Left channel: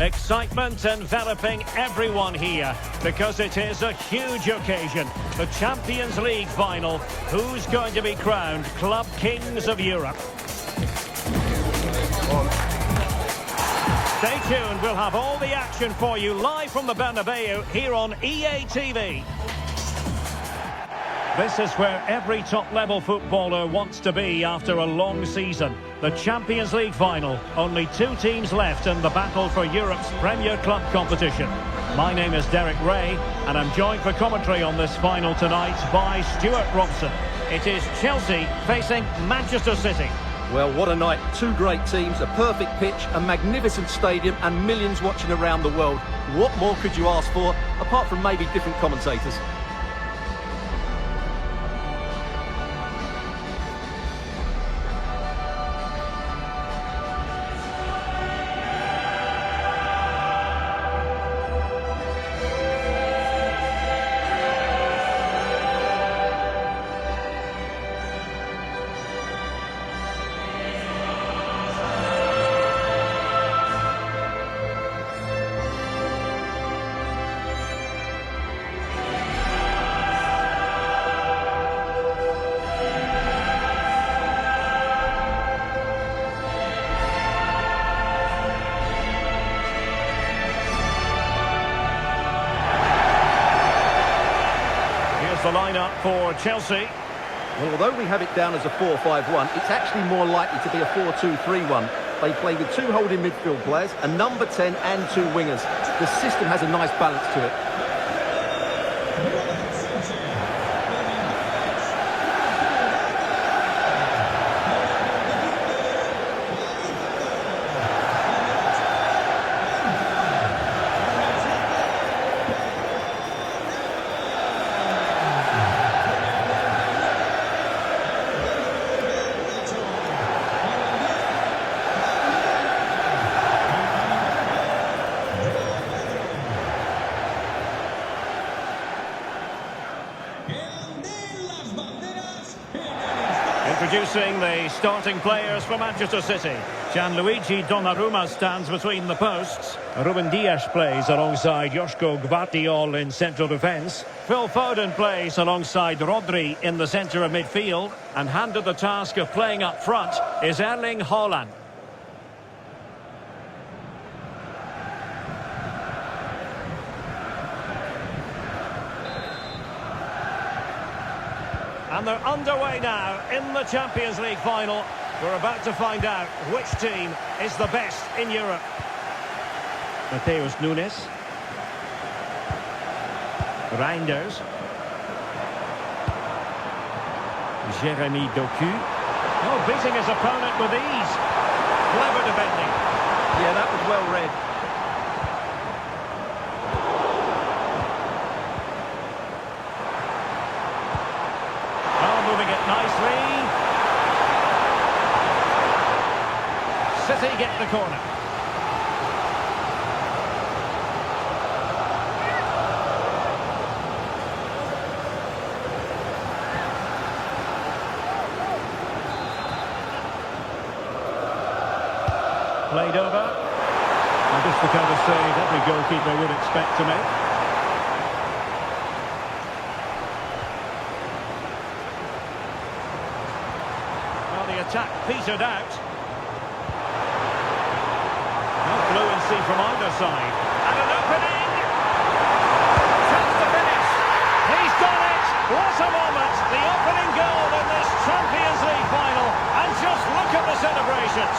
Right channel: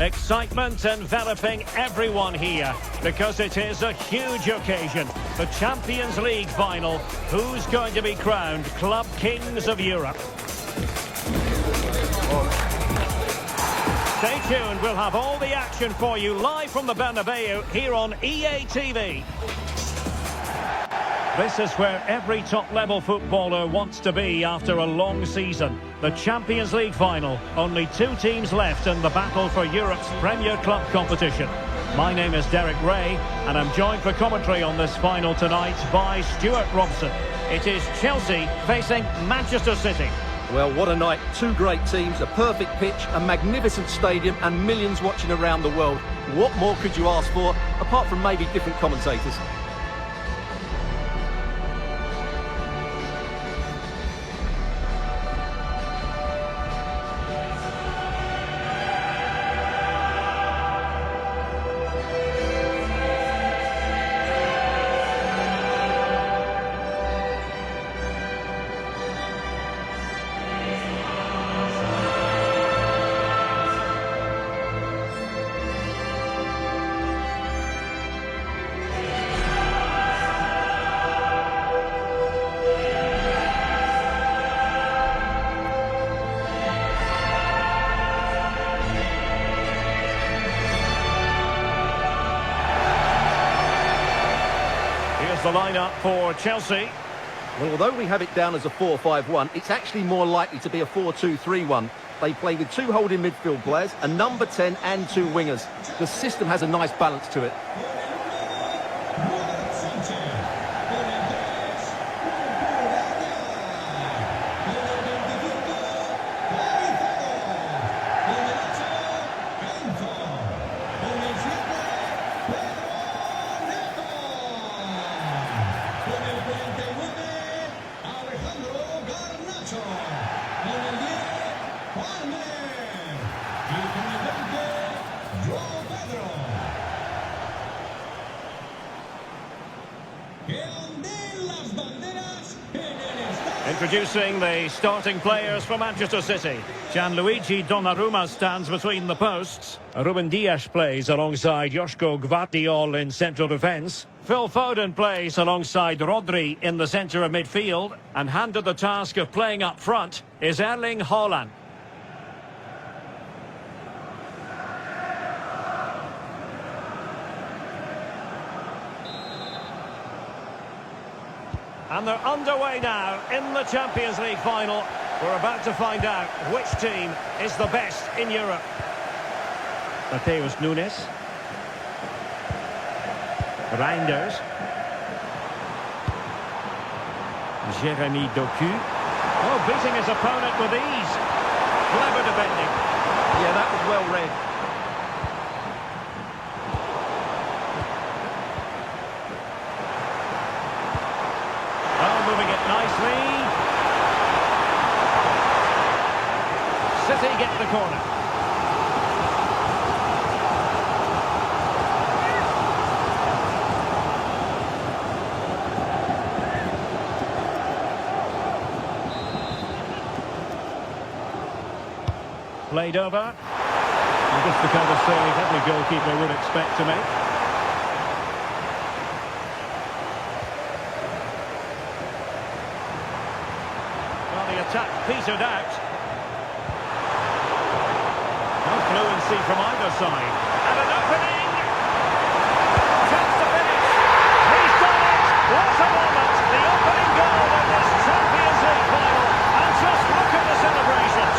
Excitement enveloping everyone here because it is a huge occasion. The Champions League final. Who's going to be crowned Club Kings of Europe? Stay tuned, we'll have all the action for you live from the Bernabeu here on EA TV. This is where every top-level footballer wants to be after a long season. The Champions League final. Only two teams left in the battle for Europe's Premier Club competition. My name is Derek Ray, and I'm joined for commentary on this final tonight by Stuart Robson. It is Chelsea facing Manchester City. Well, what a night. Two great teams, a perfect pitch, a magnificent stadium, and millions watching around the world. What more could you ask for, apart from maybe different commentators? Here's the lineup for Chelsea. Well, although we have it down as a 4-5-1, it's actually more likely to be a 4-2-3-1. They play with two holding midfield players, a number 10 and two wingers. The system has a nice balance to it. Introducing the starting players for Manchester City. Gianluigi Donnarumma stands between the posts. Ruben Dias plays alongside Joško Gvardiol in central defence. Phil Foden plays alongside Rodri in the centre of midfield. And handed the task of playing up front is Erling Haaland. And they're underway now in the Champions League final. We're about to find out which team is the best in Europe. Mateus Nunes. Reinders. Jeremy Doku. Oh, beating his opponent with ease. Clever defending. Yeah, that was well read. Moving it nicely. City get the corner. Played over. And just the kind of save every goalkeeper would expect to make. The attack petered out. No fluency from either side. And an opening! Chance to finish! He's done it! What a moment! The opening goal in this Champions League final. And just look at the celebrations.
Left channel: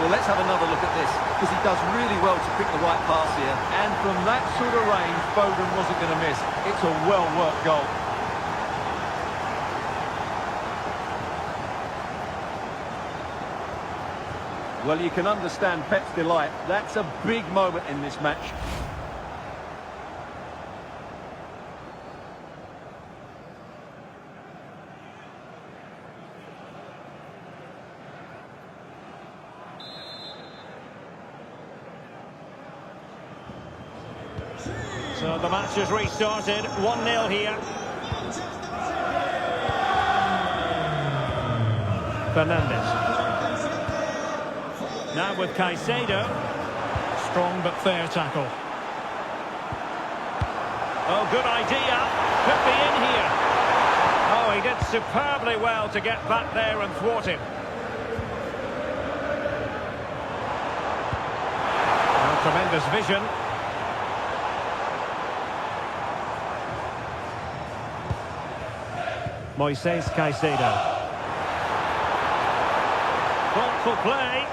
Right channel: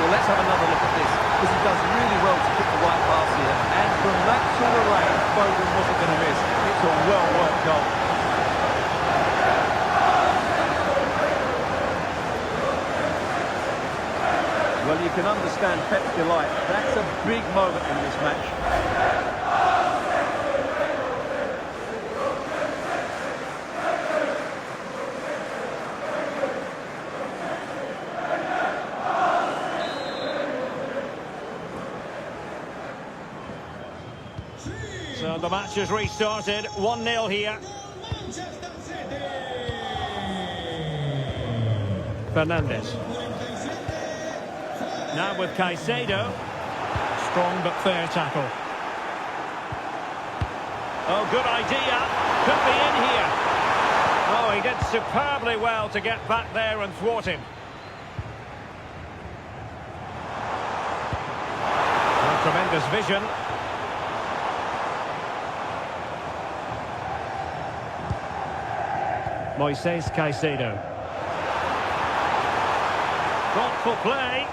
Well, let's have another look at this, because he does really well to pick the right pass here. And from that sort of range, Foden wasn't going to miss. It's a well-worked goal. Well, you can understand Pep's delight. That's a big moment in this match. So the match has restarted. 1-0 here. Fernandes. Now with Caicedo. Strong but fair tackle. Oh, good idea. Could be in here. Oh, he did superbly well to get back there and thwart him. Oh, tremendous vision. Moises Caicedo. Thoughtful play.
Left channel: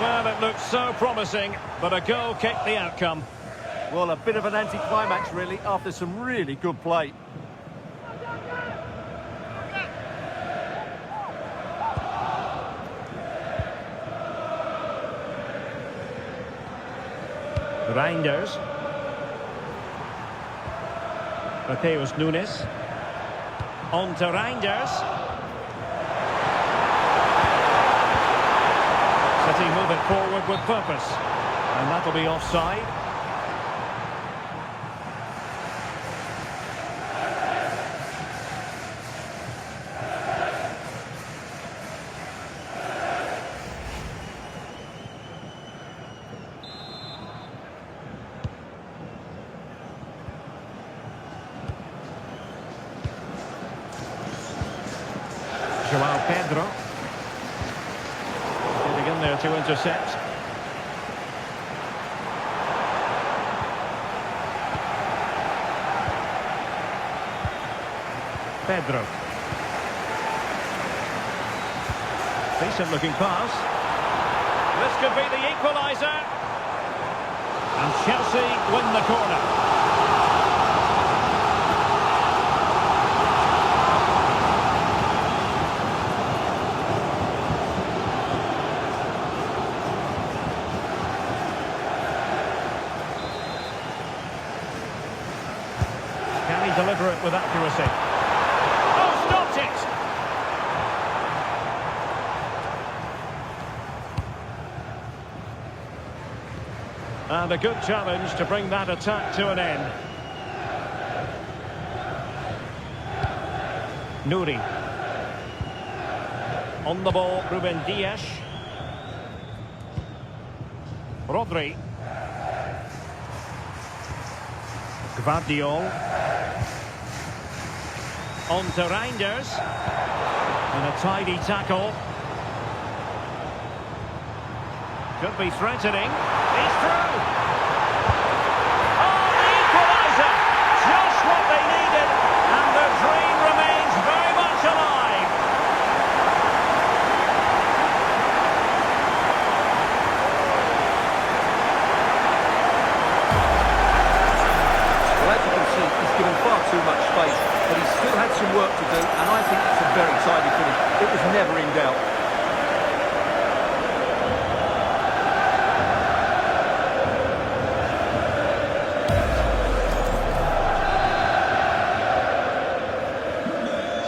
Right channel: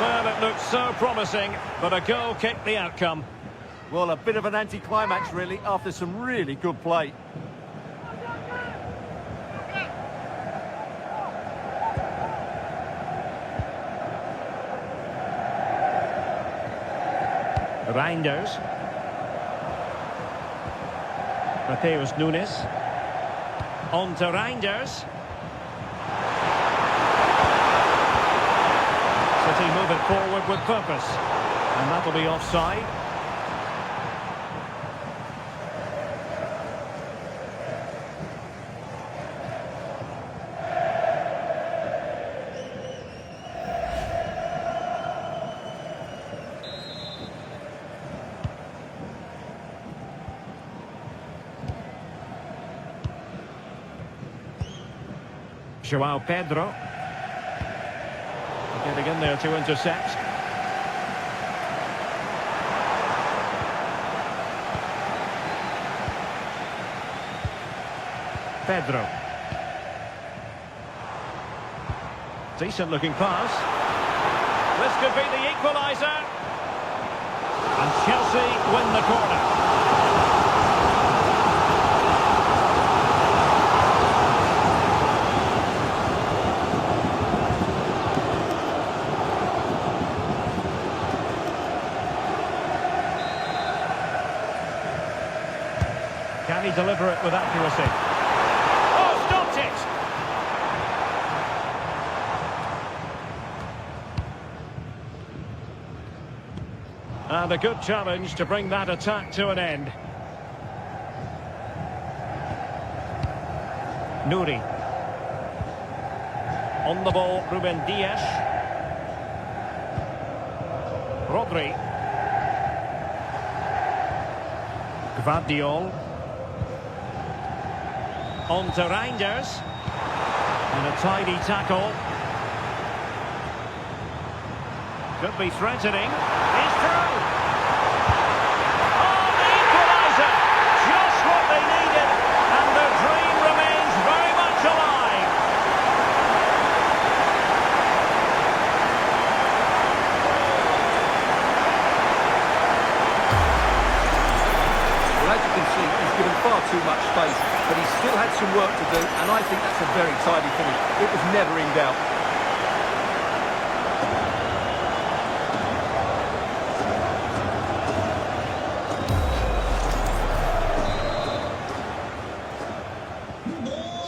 Well, it looked so promising, but a goal kicked the outcome. Well, a bit of an anticlimax, really, after some really good play. Reinders. Mateus Nunes. On to Reinders. City move it forward with purpose. And that'll be offside. João Pedro. Getting in there to intercept. Pedro. Decent looking pass. This could be the equaliser. And Chelsea win the corner. Can he deliver it with accuracy? Oh, stopped it! And a good challenge to bring that attack to an end. Nouri. On the ball, Ruben Dias. Rodri. Gvardiol. On to Reinders. And a tidy tackle. Could be threatening. He's through. Oh, the equaliser! Just what they needed. And the dream remains very much alive. Well, as you can see, he's given far too much space, but he still had some work to do, and I think that's a very tidy finish. It was never in doubt.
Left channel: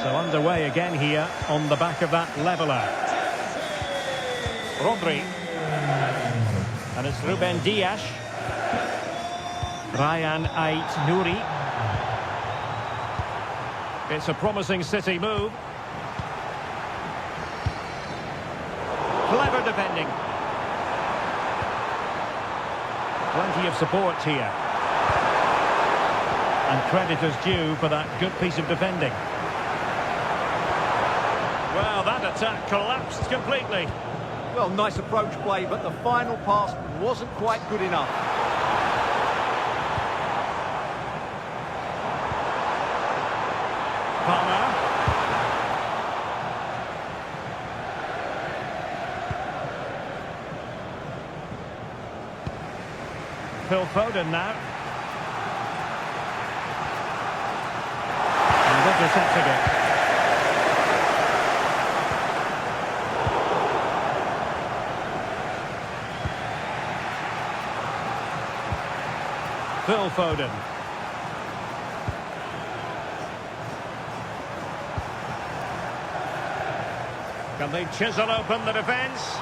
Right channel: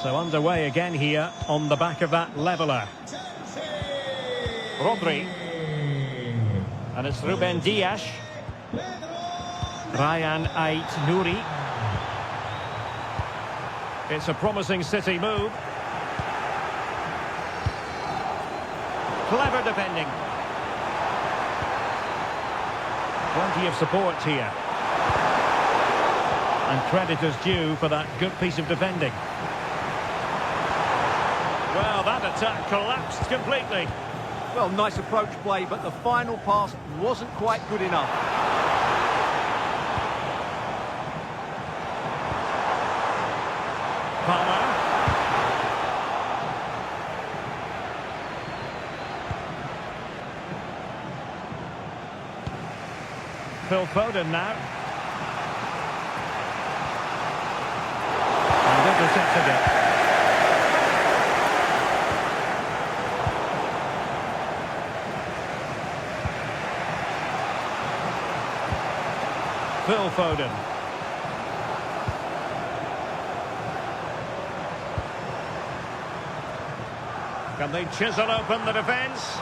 So underway again here on the back of that leveller. Rodri. And it's Ruben Dias. Ryan Ait-Nouri. It's a promising City move. Clever defending. Plenty of support here. And credit is due for that good piece of defending. Well, that attack collapsed completely. Well, nice approach play, but the final pass wasn't quite good enough. Palmer. Phil Foden now. And intercepting it. Phil Foden. Can they chisel open the defence?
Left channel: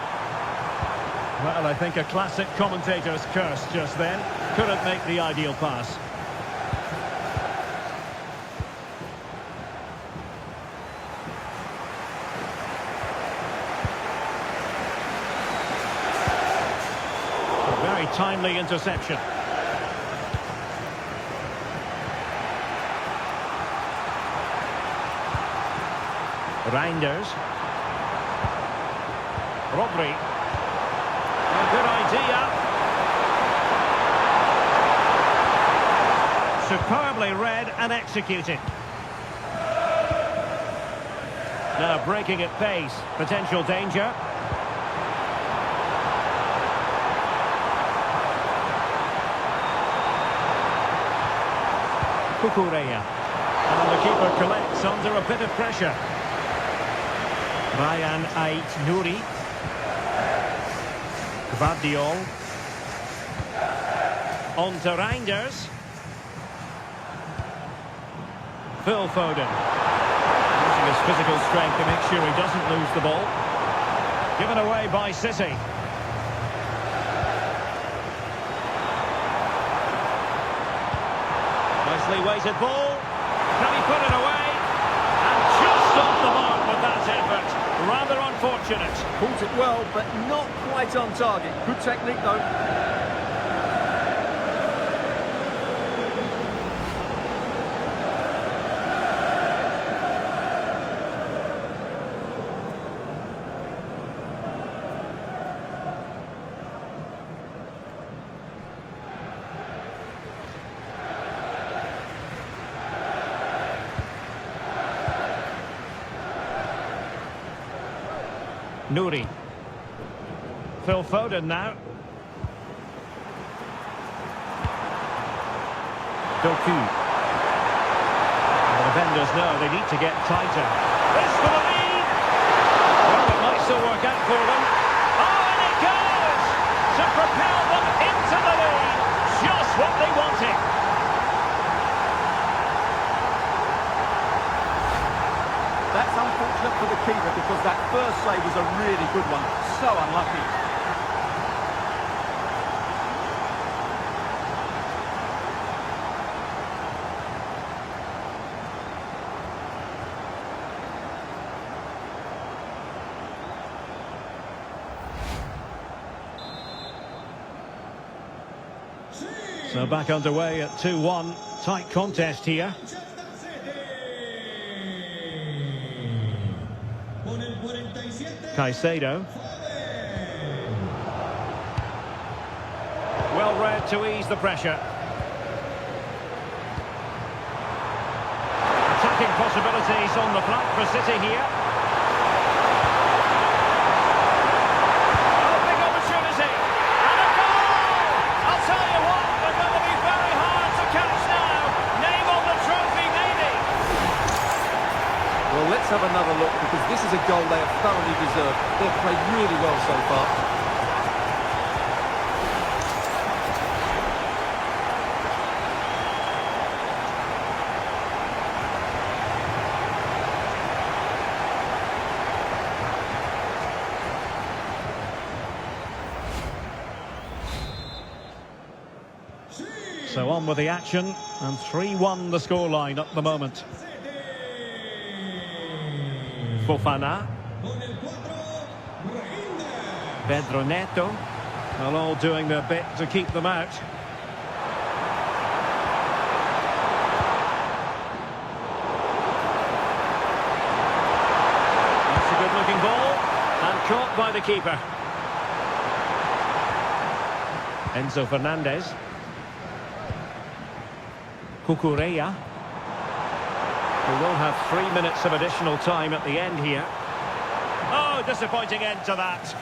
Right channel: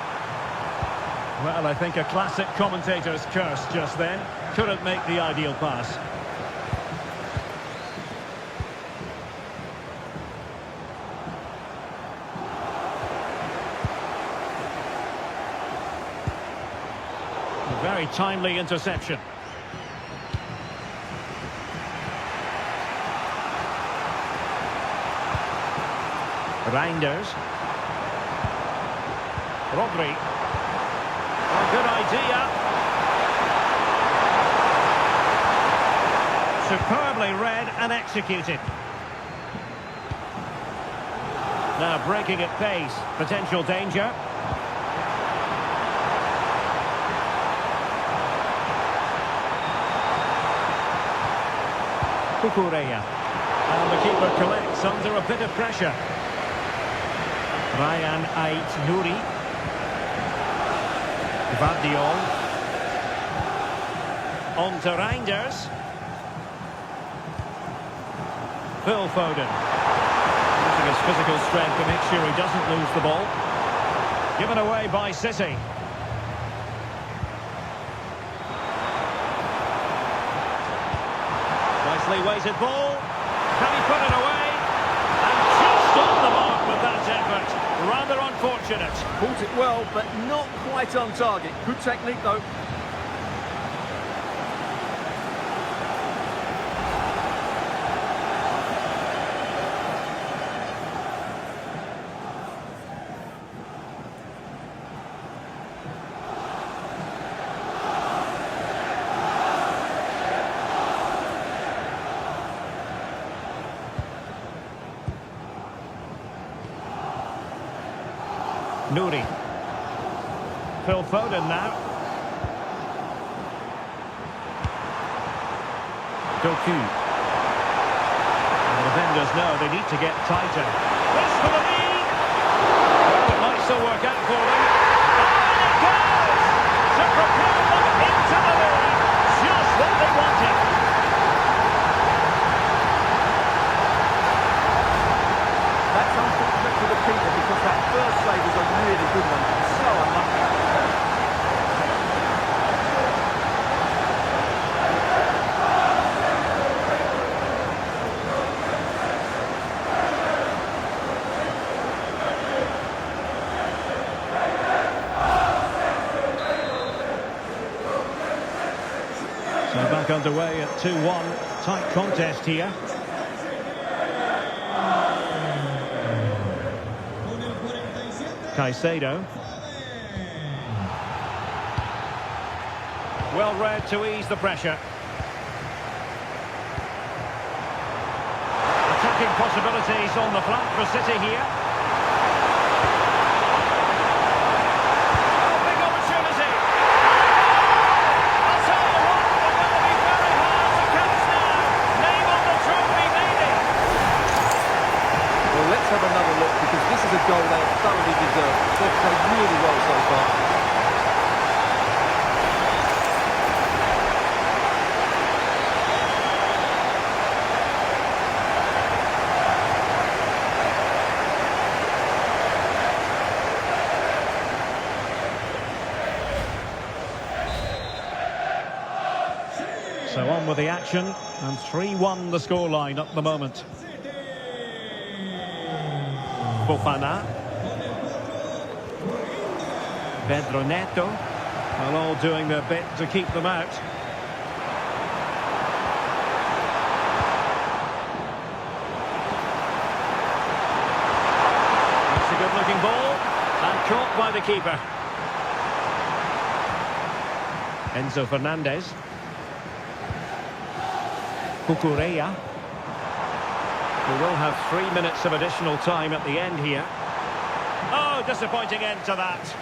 Well, I think a classic commentator's curse just then. Couldn't make the ideal pass. Very timely interception. Reinders. Rodri. A good idea. Superbly read and executed. Now breaking at pace. Potential danger. Cucurella. And the keeper collects under a bit of pressure. Ryan Ait-Nouri. Gvardiol. On to Reinders. Phil Foden. Using his physical strength to make sure he doesn't lose the ball. Given away by City. Nicely weighted ball. Can he put it away? And just off the mark with that effort. Rather unfortunate. Caught it well, but not quite on target. Good technique, though. Nouri. Phil Foden now. Doku. The defenders know they need to get tighter. This for the lead! Well, it might still work out for them. Oh, and it goes! To propel them into the lead. Just what they wanted. That's unfortunate for the keeper because that first save was a really good one. So unlucky. So back underway at 2-1. Tight contest here. Caicedo. Well read to ease the pressure. Attacking possibilities on the flank for City here. Oh, big opportunity. And a goal! I'll tell you what, they're going to be very hard to catch now. Name on the trophy, maybe. Well, let's have another look because this is a goal they have thoroughly deserved. They've played really well so far. So on with the action, and 3-1 the scoreline at the moment. Fofana. Pedro Neto. Well, all doing their bit to keep them out. That's a good-looking ball, and caught by the keeper. Enzo Fernandez. Cucurella. We will have 3 minutes of additional time at the end here. Oh, disappointing end to that.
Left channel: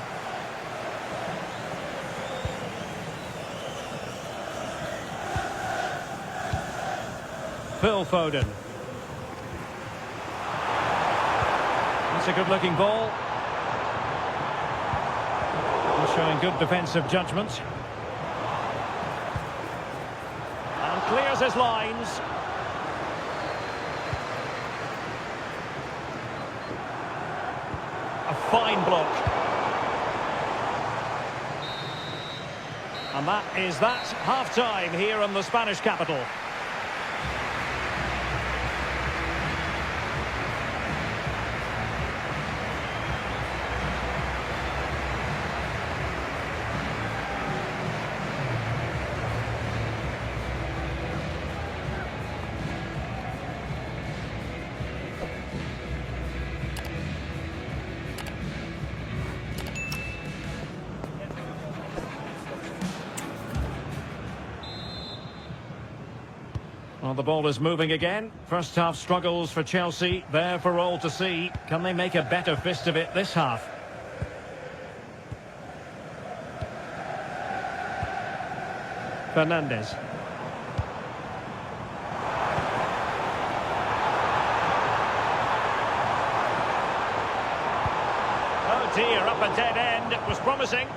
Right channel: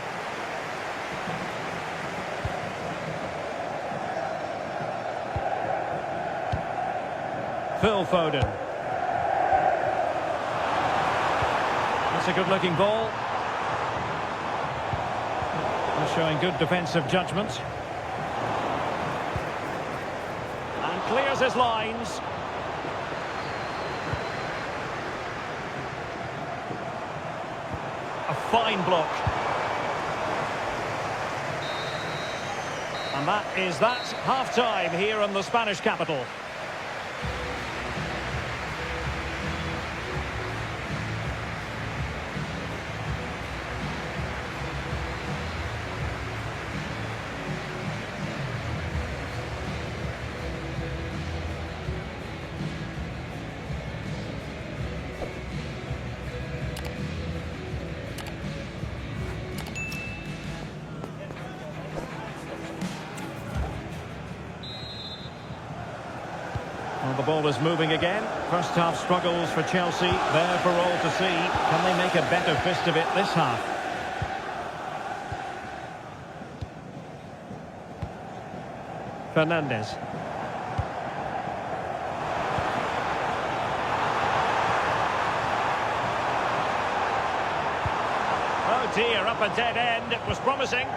Phil Foden. That's a good-looking ball. They're showing good defensive judgment. And clears his lines. A fine block. And that is that half-time here in the Spanish capital. the ball is moving again. First half struggles for Chelsea. There for all to see. Can they make a better fist of it this half? Fernandes. Oh dear, up a dead end. It was promising.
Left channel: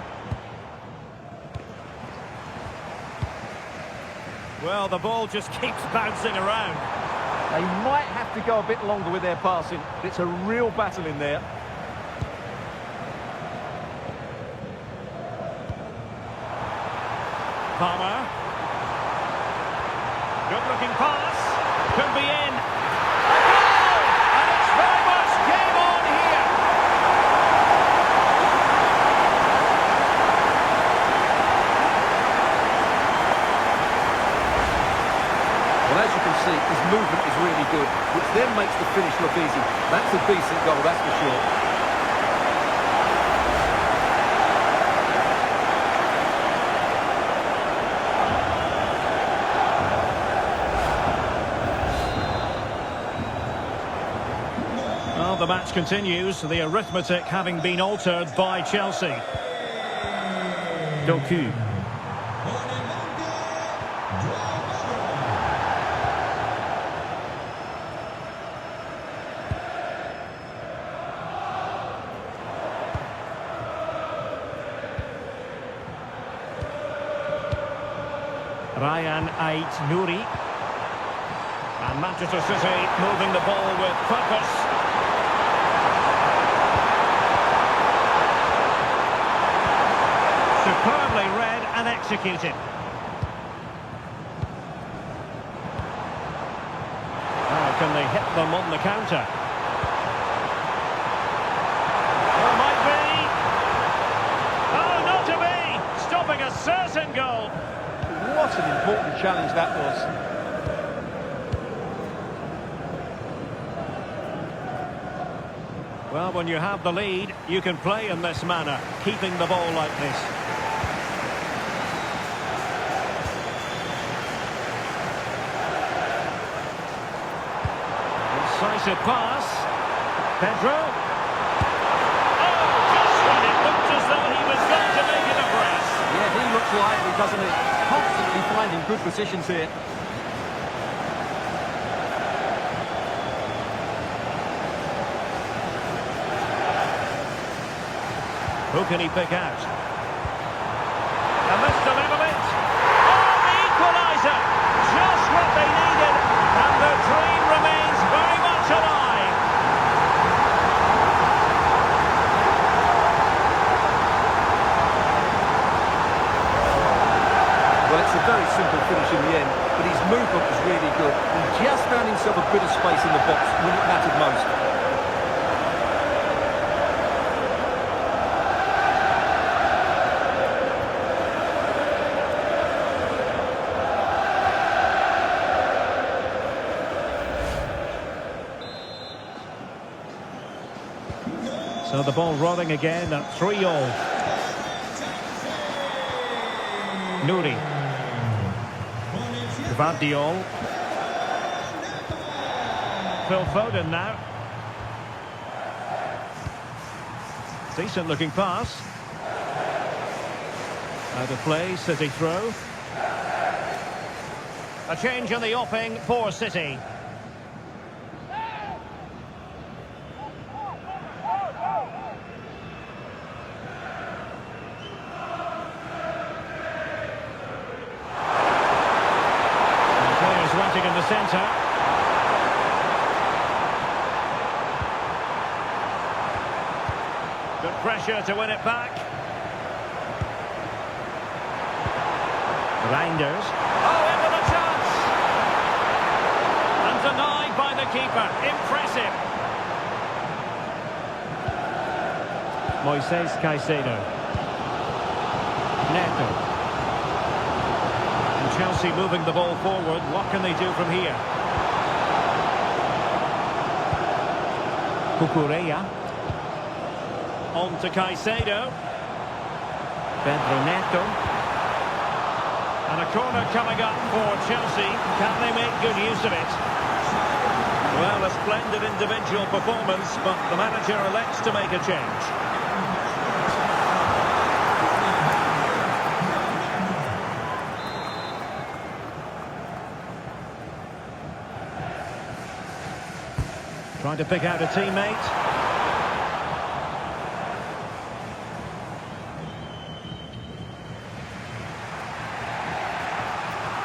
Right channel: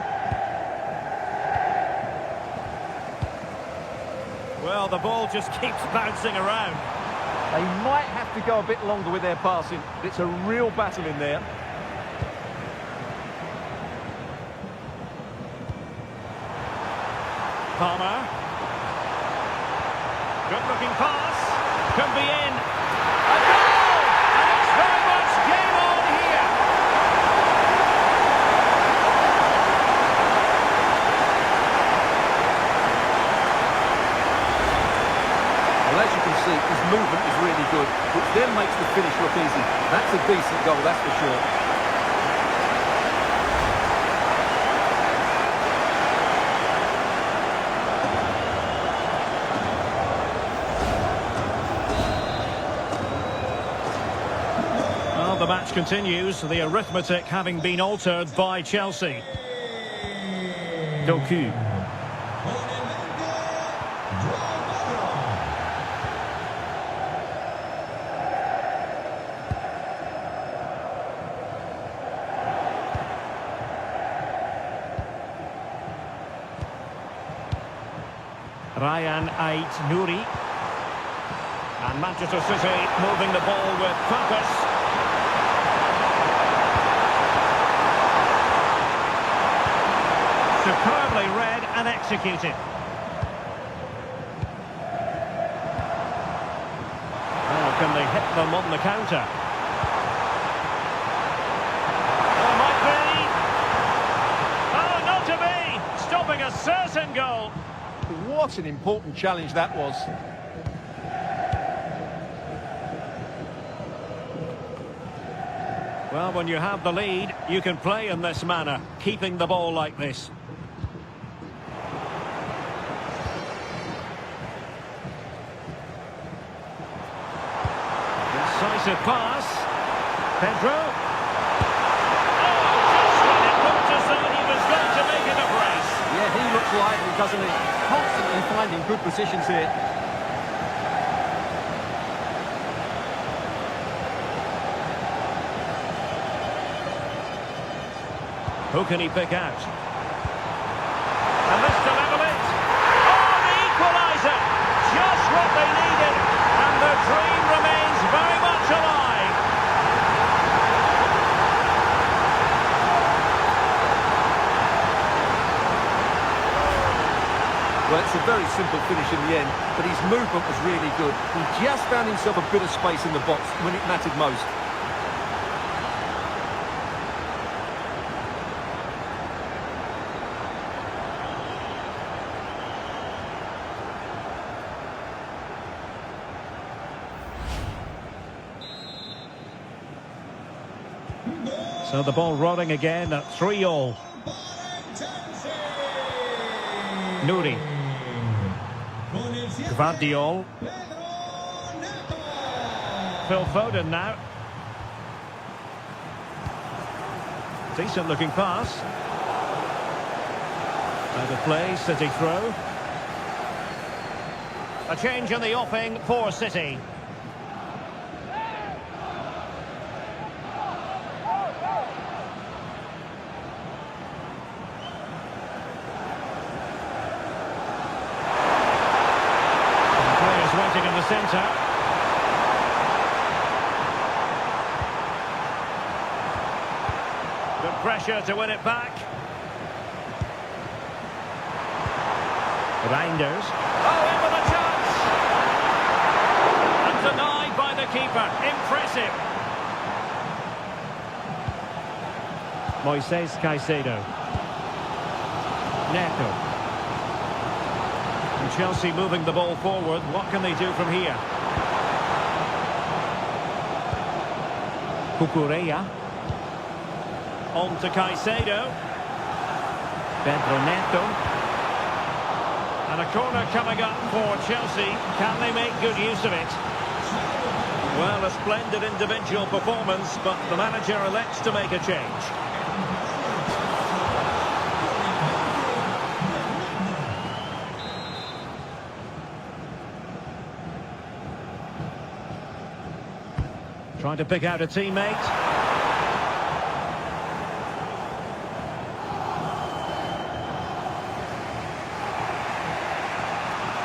Well, the ball just keeps bouncing around. They might have to go a bit longer with their passing. It's a real battle in there. Palmer. Good-looking pass. Could be in. A goal! And it's very much game on here. Well, as you can see, his movement is really good, which then makes the finish look easy. That's a decent goal, that's for sure. Well, the match continues, the arithmetic having been altered by Chelsea. Doku. Ryan Ait-Nouri. And Manchester City moving the ball with purpose. Superbly read and executed. Now can they hit them on the counter? Oh, might be. Oh, not to be. Stopping a certain goal. What an important challenge that was. Well, when you have the lead, you can play in this manner, keeping the ball like this. Incisive pass. Pedro. Oh, just when it looked as though he was going to make it a brace. Yeah, he looks lively, doesn't he? Constantly finding good positions here. Who can he pick out? And this to level it. Oh, the equaliser! Just what they needed. And the dream remains very much alive. Well, it's a very simple finish in the end, but his movement was really good. He just found himself a bit of space in the box when it mattered most. So the ball rolling again at 3-all. Nouri. Gvardiol. Phil Foden now. Decent looking pass. Out of play, City throw. A change in the offing for City. Waiting in the centre. Good pressure to win it back. Reinders. Oh, in with a chance! And denied by the keeper. Impressive. Moises Caicedo. Neto. And Chelsea moving the ball forward. What can they do from here? Cucurella. On to Caicedo. Pedro Neto. And a corner coming up for Chelsea. Can they make good use of it? Well, a splendid individual performance, but the manager elects to make a change. Trying to pick out a teammate.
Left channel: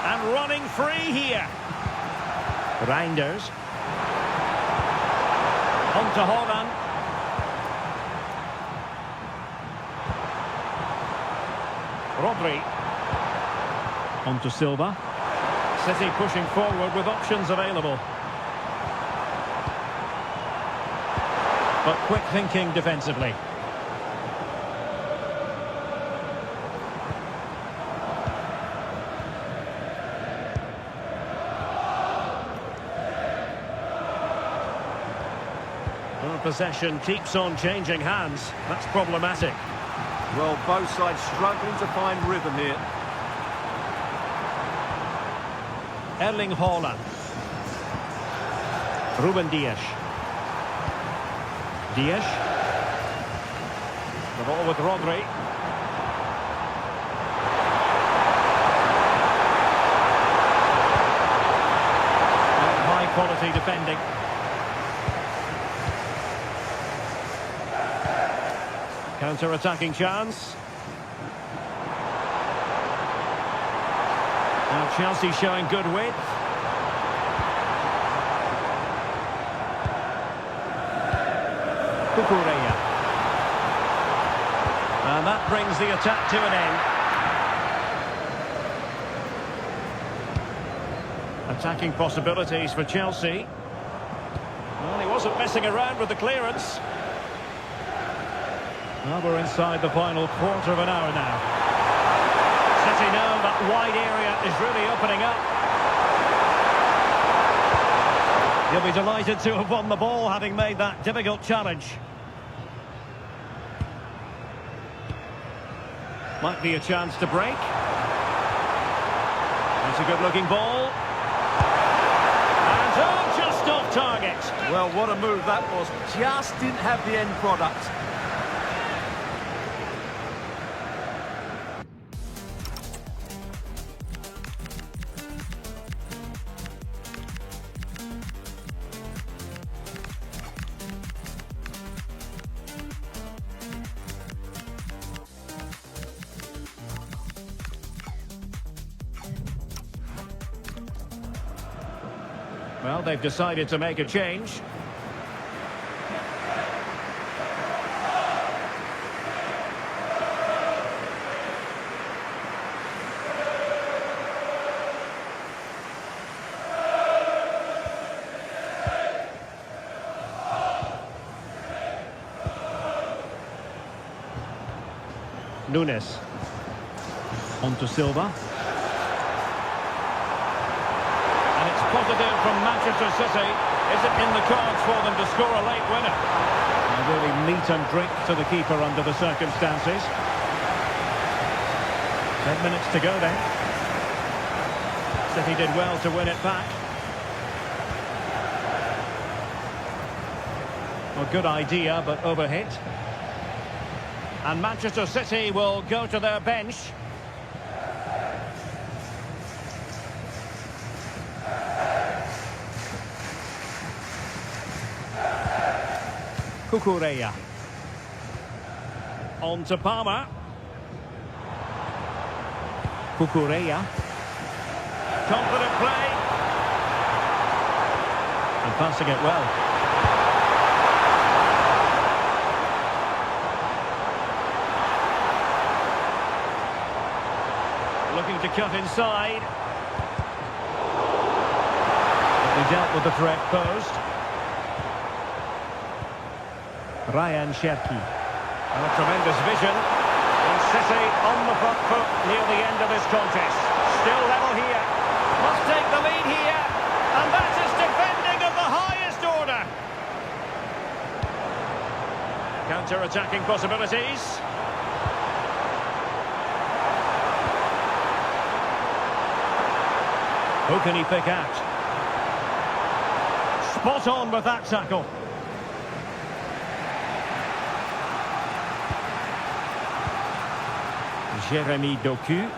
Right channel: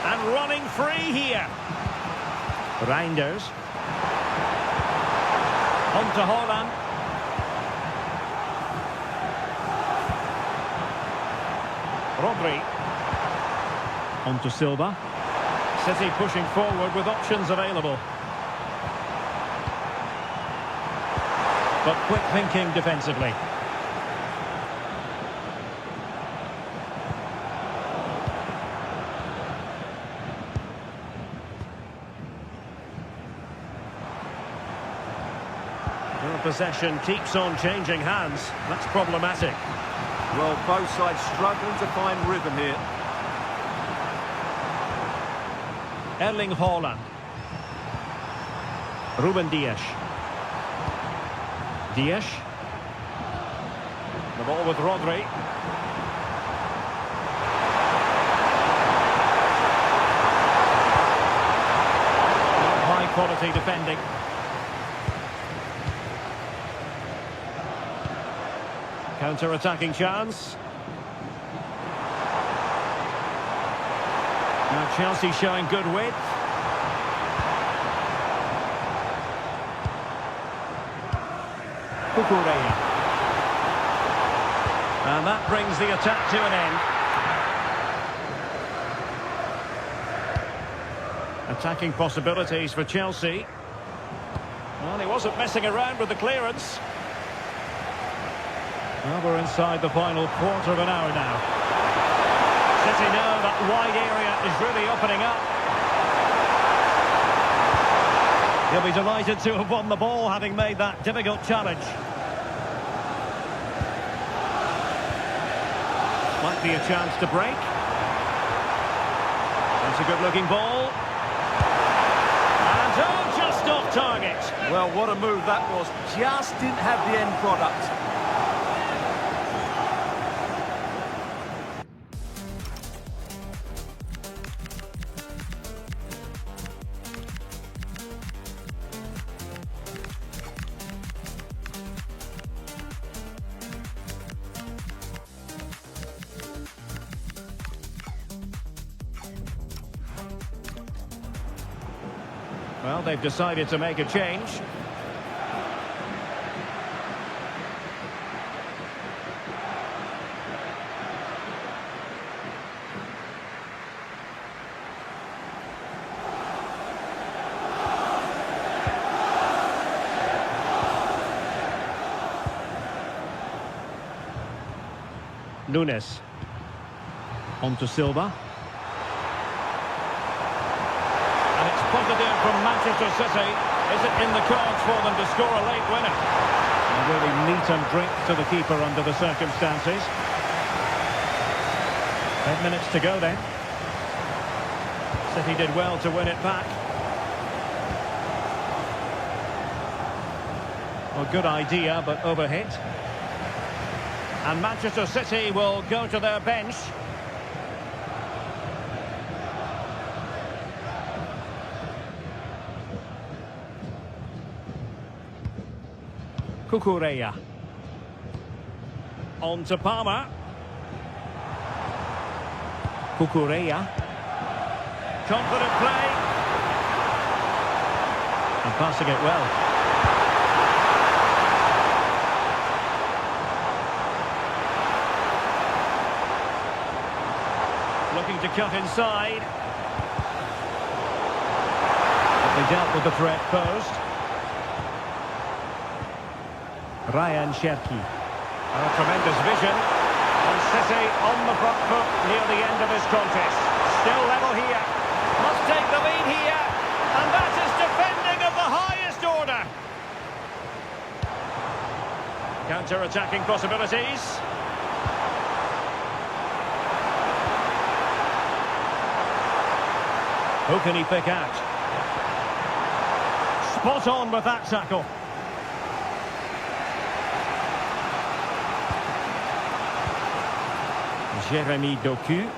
And running free here. Reinders. On to Haaland. Rodri. On to Silva. City pushing forward with options available. But quick thinking defensively. Well, possession keeps on changing hands. That's problematic. Well, both sides struggling to find rhythm here. Erling Haaland. Ruben Dias. Dias. The ball with Rodri. High quality defending. Counter-attacking chance. Now Chelsea showing good width. Cucurella. And that brings the attack to an end. Attacking possibilities for Chelsea. Well, he wasn't messing around with the clearance. Well, we're inside the final quarter of an hour now. City know that wide area is really opening up. He'll be delighted to have won the ball, having made that difficult challenge. Might be a chance to break. That's a good-looking ball. And oh, just off target. Well, what a move that was. Just didn't have the end product. Well, they've decided to make a change. Nunes. On to Silva. And it's positive from Manchester City. Is it in the cards for them to score a late winner? And really meat and drink to the keeper under the circumstances. 10 minutes to go then. City did well to win it back. Well, good idea, but overhit. And Manchester City will go to their bench. Cucurella. On to Palmer. Cucurella. Confident play. And passing it well. Looking to cut inside. But they dealt with the threat posed. Ryan Cherki. And a tremendous vision. And City on the front foot near the end of this contest. Still level here. Must take the lead here. And that is defending of the highest order. Counter-attacking possibilities. Who can he pick out? Spot on with that tackle. Jeremy Doku.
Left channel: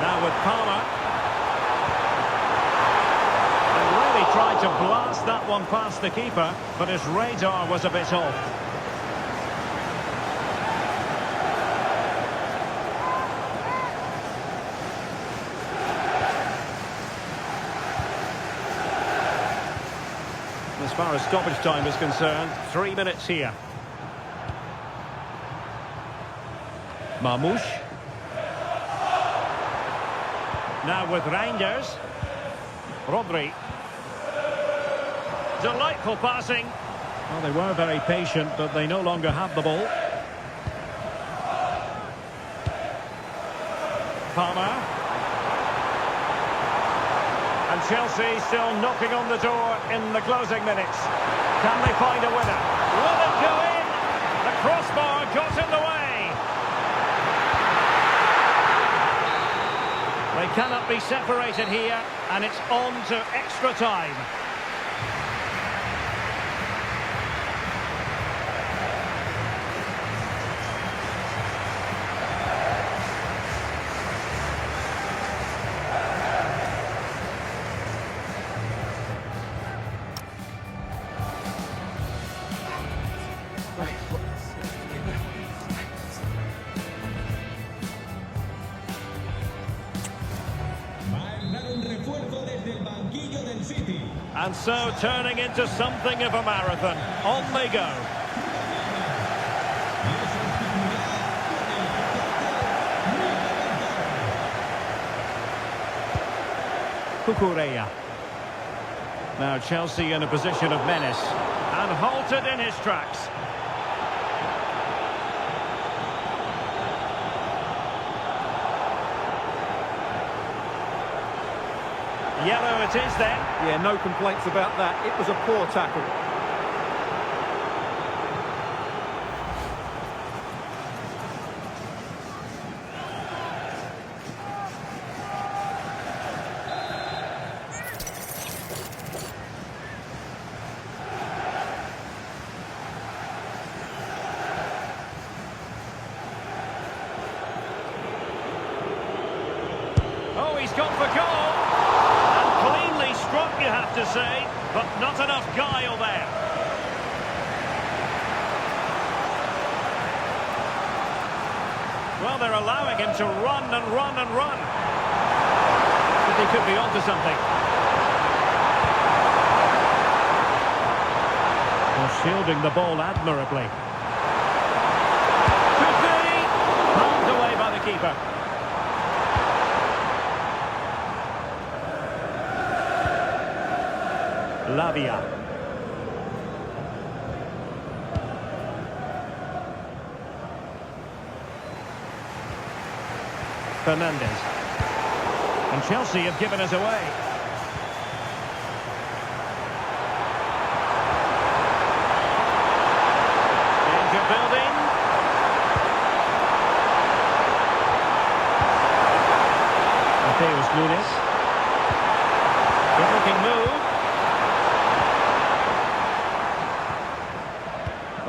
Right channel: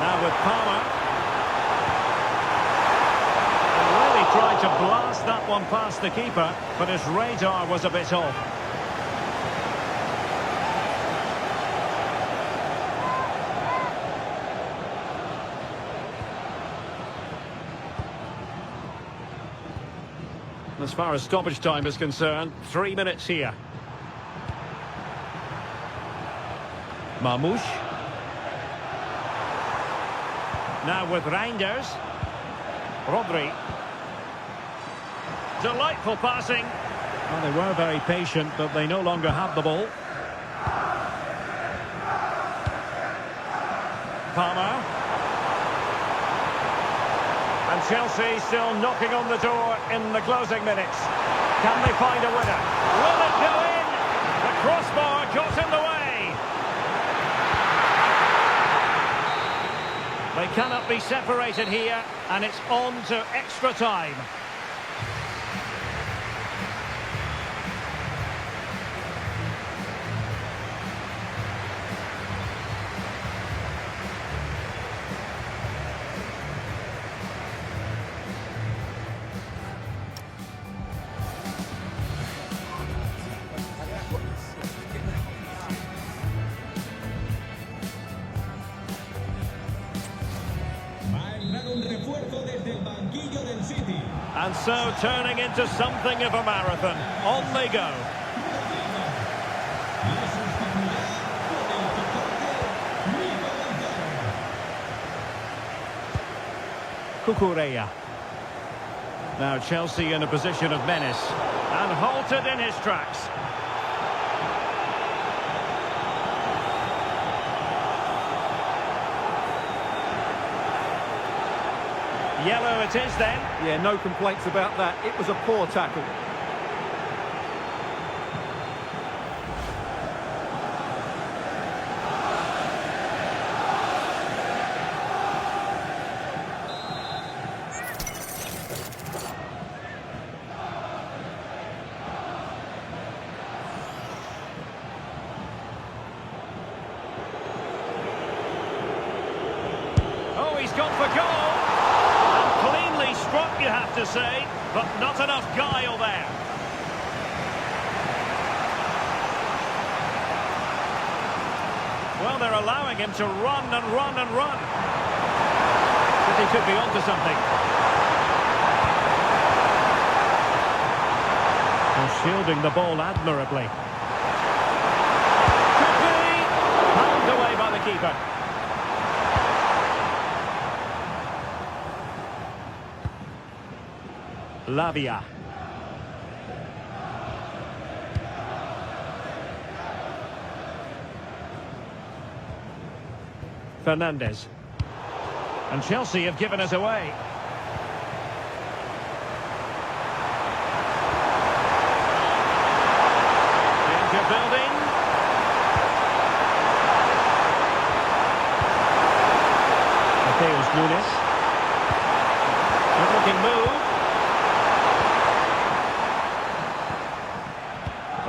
Now with Palmer. And really tried to blast that one past the keeper, but his radar was a bit off. As far as stoppage time is concerned, 3 minutes here. Mamouche. Now with Reinders. Rodri. Delightful passing. Well, they were very patient, but they no longer have the ball. Palmer. And Chelsea still knocking on the door in the closing minutes. Can they find a winner? Will it go in? The crossbar got in the way. They cannot be separated here, and it's on to extra time. And so turning into something of a marathon. On they go. Cucurella. Now Chelsea in a position of menace. And halted in his tracks. Yellow it is then. Yeah, no complaints about that. It was a poor tackle. Oh, he's gone for goal. Cleanly struck, you have to say, but not enough guile there. Well, they're allowing him to run and run and run. But he could be onto something. Well, shielding the ball admirably. Could be. Palmed away by the keeper. Lavia. Fernandez. And Chelsea have given us away. Danger building. Mateus Nunes. Good looking move.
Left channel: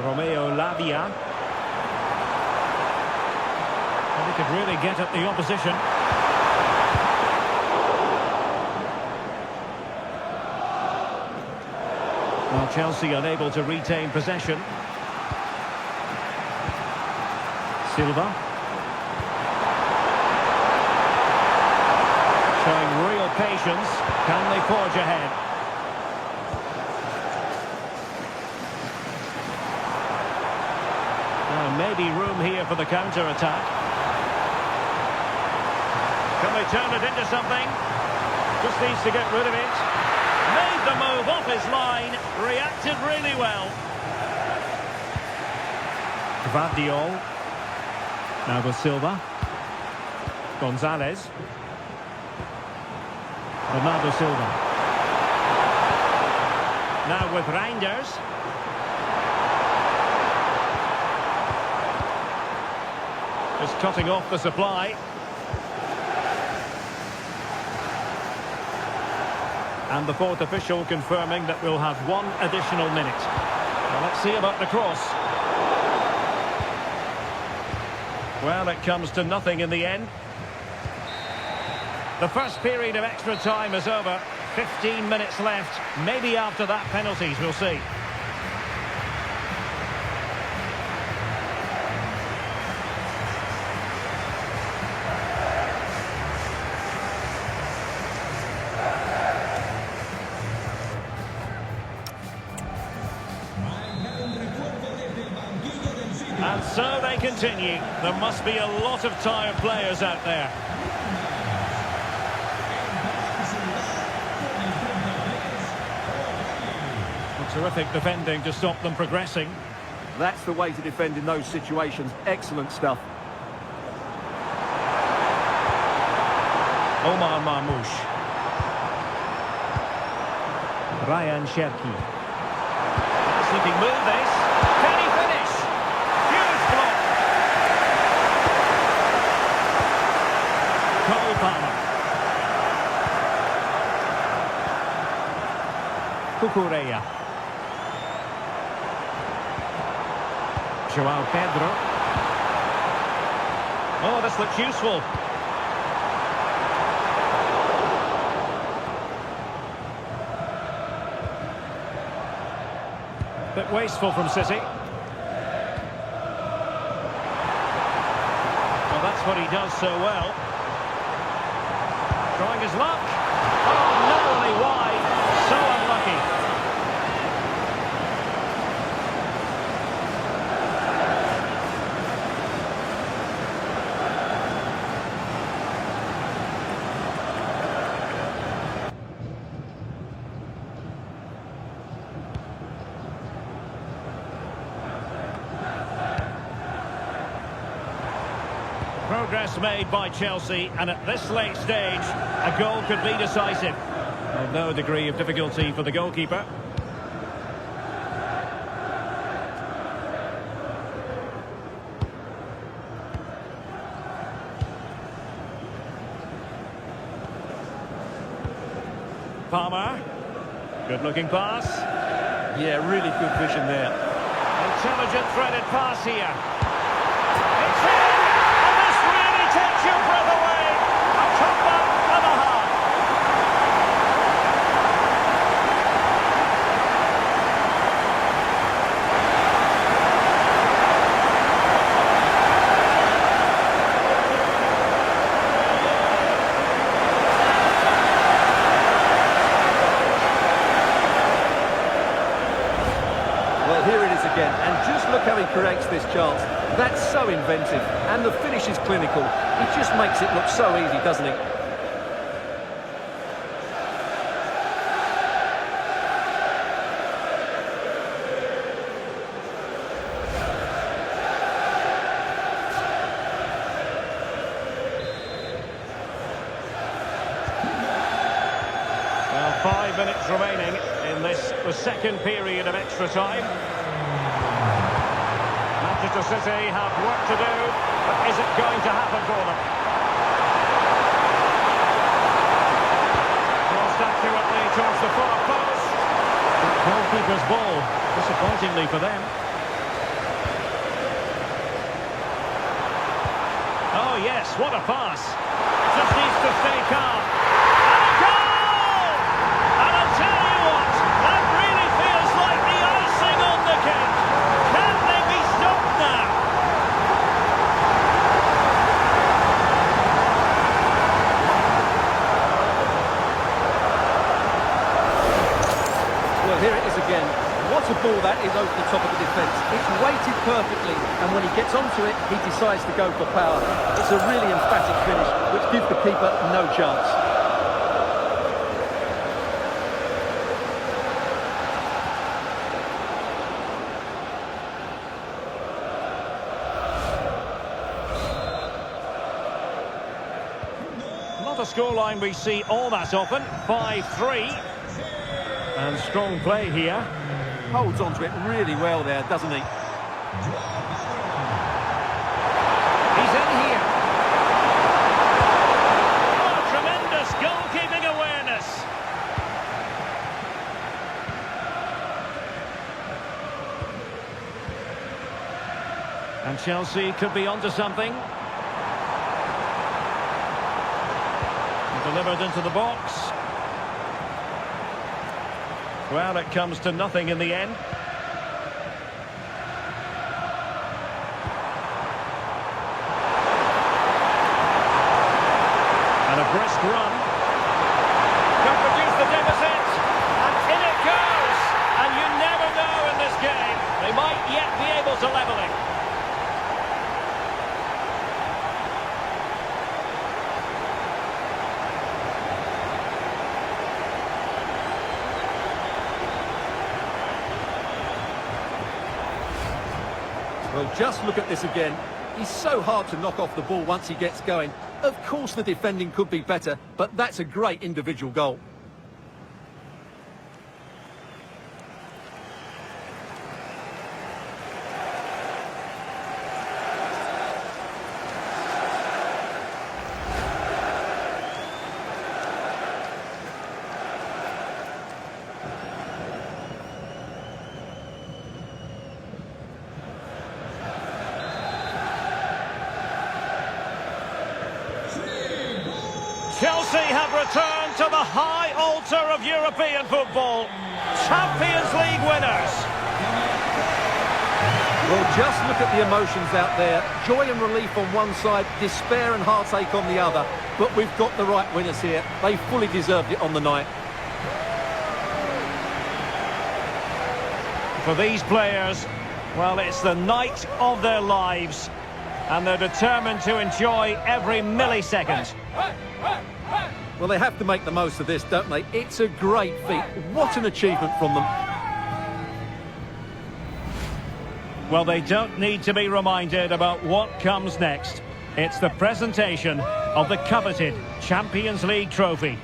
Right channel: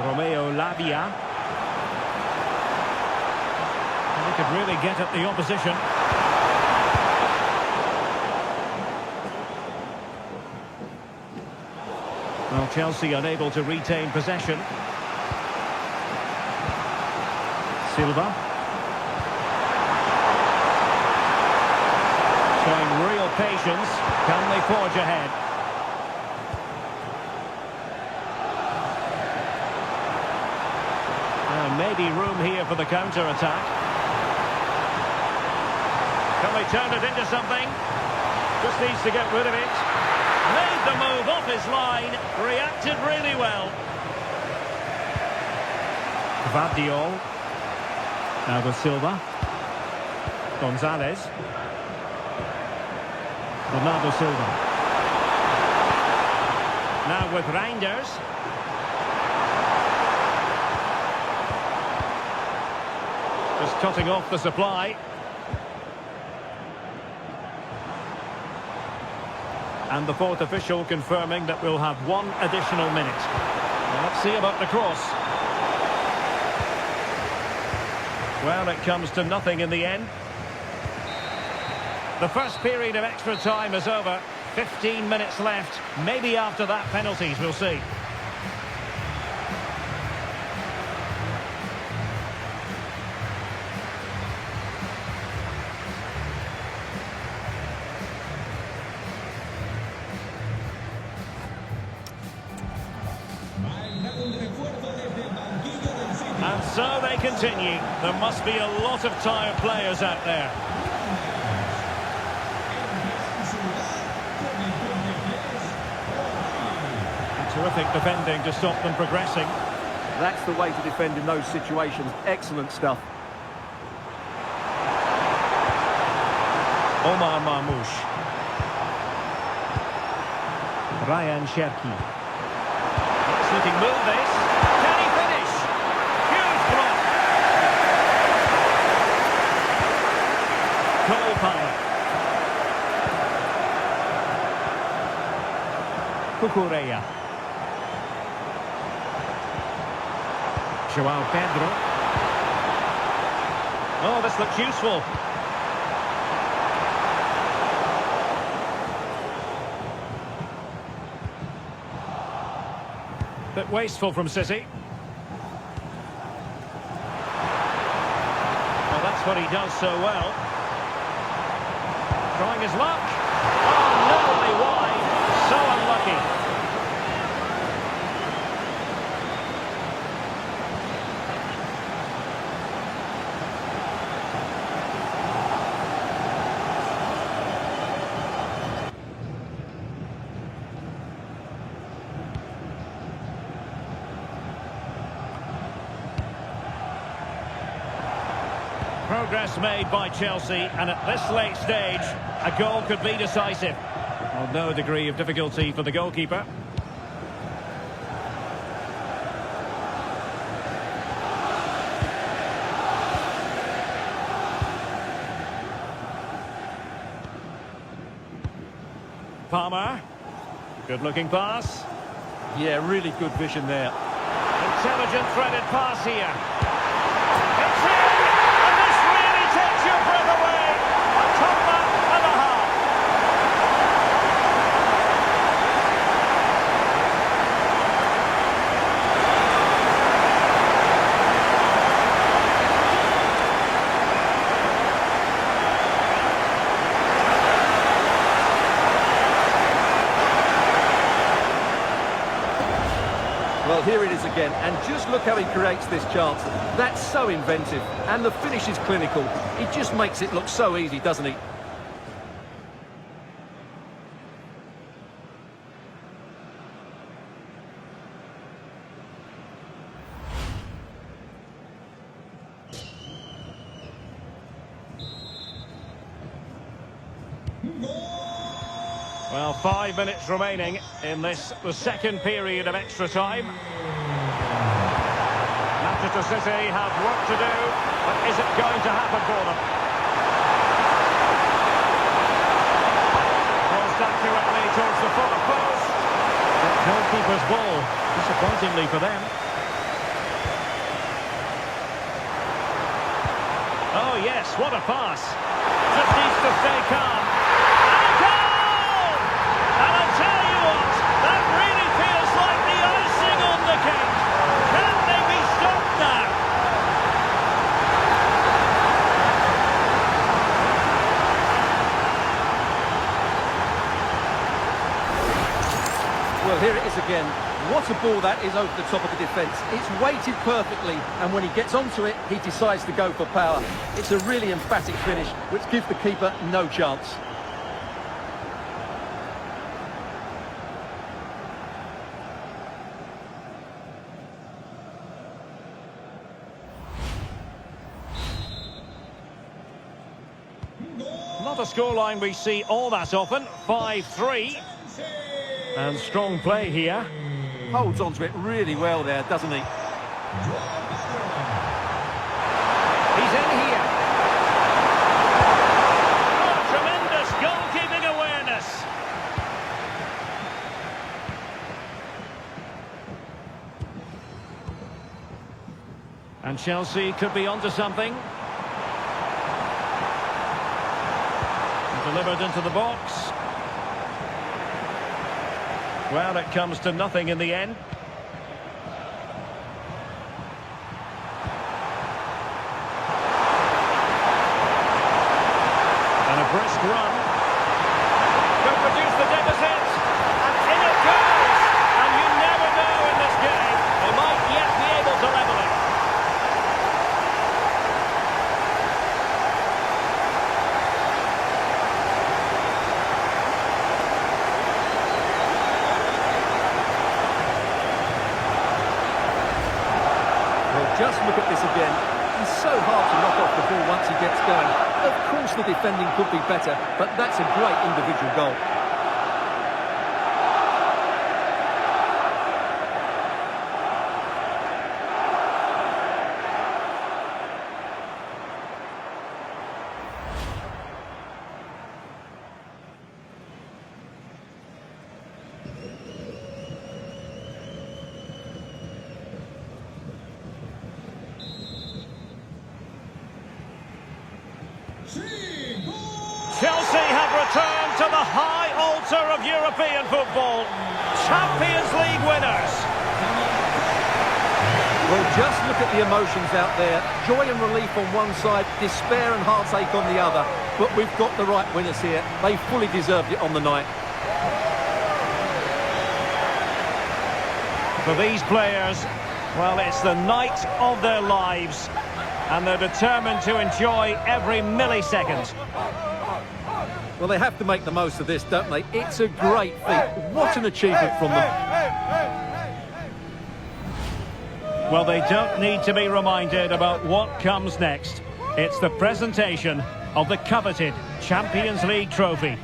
Romeo Lavia. And he could really get at the opposition. Well, Chelsea unable to retain possession. Silva. Showing real patience. Can they forge ahead? Maybe room here for the counter-attack. Can they turn it into something? Just needs to get rid of it. Made the move off his line. Reacted really well. Gvardiol. Now with Silva. Gonzalez. Bernardo Silva. Now with Reinders. Just cutting off the supply. And the fourth official confirming that we'll have one additional minute. Well, let's see about the cross. Well, it comes to nothing in the end. The first period of extra time is over. 15 minutes left. Maybe after that, penalties, we'll see. And so they continue. There must be a lot of tired players out there. Terrific defending to stop them progressing. That's the way to defend in those situations. Excellent stuff. Omar Marmoush. Ryan Cherki. Nice looking move this. Can he finish? Huge block. Cole Palmer. Cucurella. João Pedro. Oh, this looks useful. Bit wasteful from City. Well, that's what he does so well. Trying his luck. Oh, narrowly wide. So unlucky. Progress made by Chelsea, and at this late stage, a goal could be decisive. Well, no degree of difficulty for the goalkeeper. Palmer. Good-looking pass. Yeah, really good vision there. Intelligent threaded pass here. It's in! Takes your breath away. A top-up and a half. Well, here it is again, and just look how he creates this chance. That's so inventive, and the finish is clinical. He just makes it look so easy, doesn't he? Well, 5 minutes remaining in this, the second period of extra time. Manchester City have work to do, but is it going to happen for them? Crossed accurately towards the far post. The goalkeeper's ball, disappointingly for them. Oh yes, what a pass. Just needs to stay calm. And a goal! And I'll tell you what, that really feels like the icing on the cake. Can they be stopped now? Well, here it is again. What a ball that is over the top of the defence. It's weighted perfectly, and when he gets onto it, he decides to go for power. It's a really emphatic finish, which gives the keeper no chance. Not a scoreline we see all that often. 5-3. And strong play here. Holds onto it really well there, doesn't he? He's in here. Oh, tremendous goalkeeping awareness. And Chelsea could be onto something. Delivered into the box. Well, it comes to nothing in the end. And a brisk run. Could produce the deficit. And in it goes. And you never know in this game. They might yet be able to level it. Well, just look at this again. He's so hard to knock off the ball once he gets going. Of course the defending could be better, but that's a great individual goal. Chelsea have returned to the high altar of European football. Champions League winners. Well, just look at the emotions out there. Joy and relief on one side, despair and heartache on the other. But we've got the right winners here. They fully deserved it on the night. For these players, well, it's the night of their lives. And they're determined to enjoy every millisecond. Well, they have to make the most of this, don't they? It's a great feat. What an achievement from them. Well, they don't need to be reminded about what comes next. It's the presentation of the coveted Champions League trophy.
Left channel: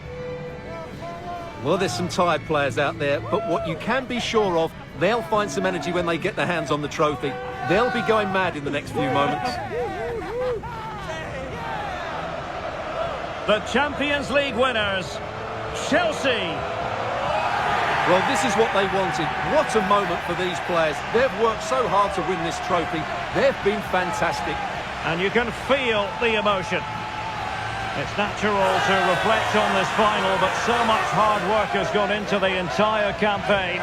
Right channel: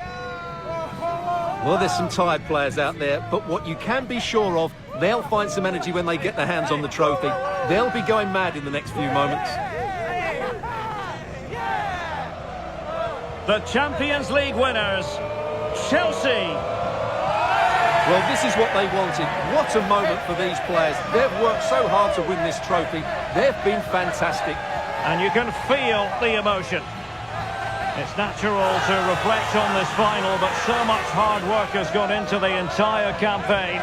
Well, there's some tired players out there, but what you can be sure of, they'll find some energy when they get their hands on the trophy. They'll be going mad in the next few moments. The Champions League winners, Chelsea. Well, this is what they wanted. What a moment for these players. They've worked so hard to win this trophy. They've been fantastic. And you can feel the emotion. It's natural to reflect on this final, but so much hard work has gone into the entire campaign.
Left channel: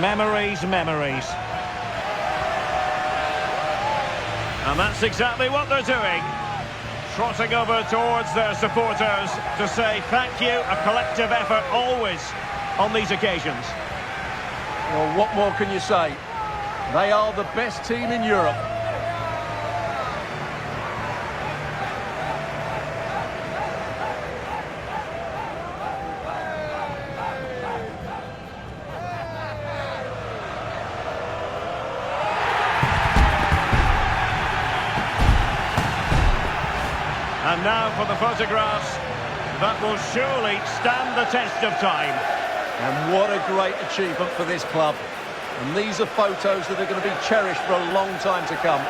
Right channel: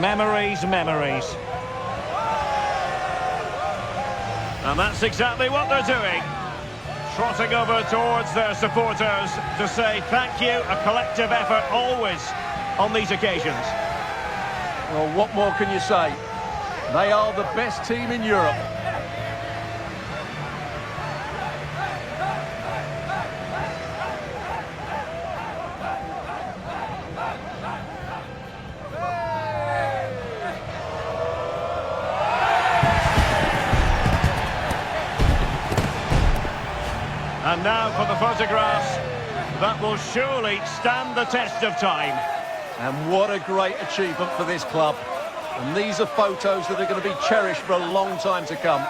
Memories, memories. And that's exactly what they're doing. Trotting over towards their supporters to say thank you, a collective effort always on these occasions. Well, what more can you say? They are the best team in Europe. And now for the photographs that will surely stand the test of time. And what a great achievement for this club. And these are photos that are going to be cherished for a long time to come.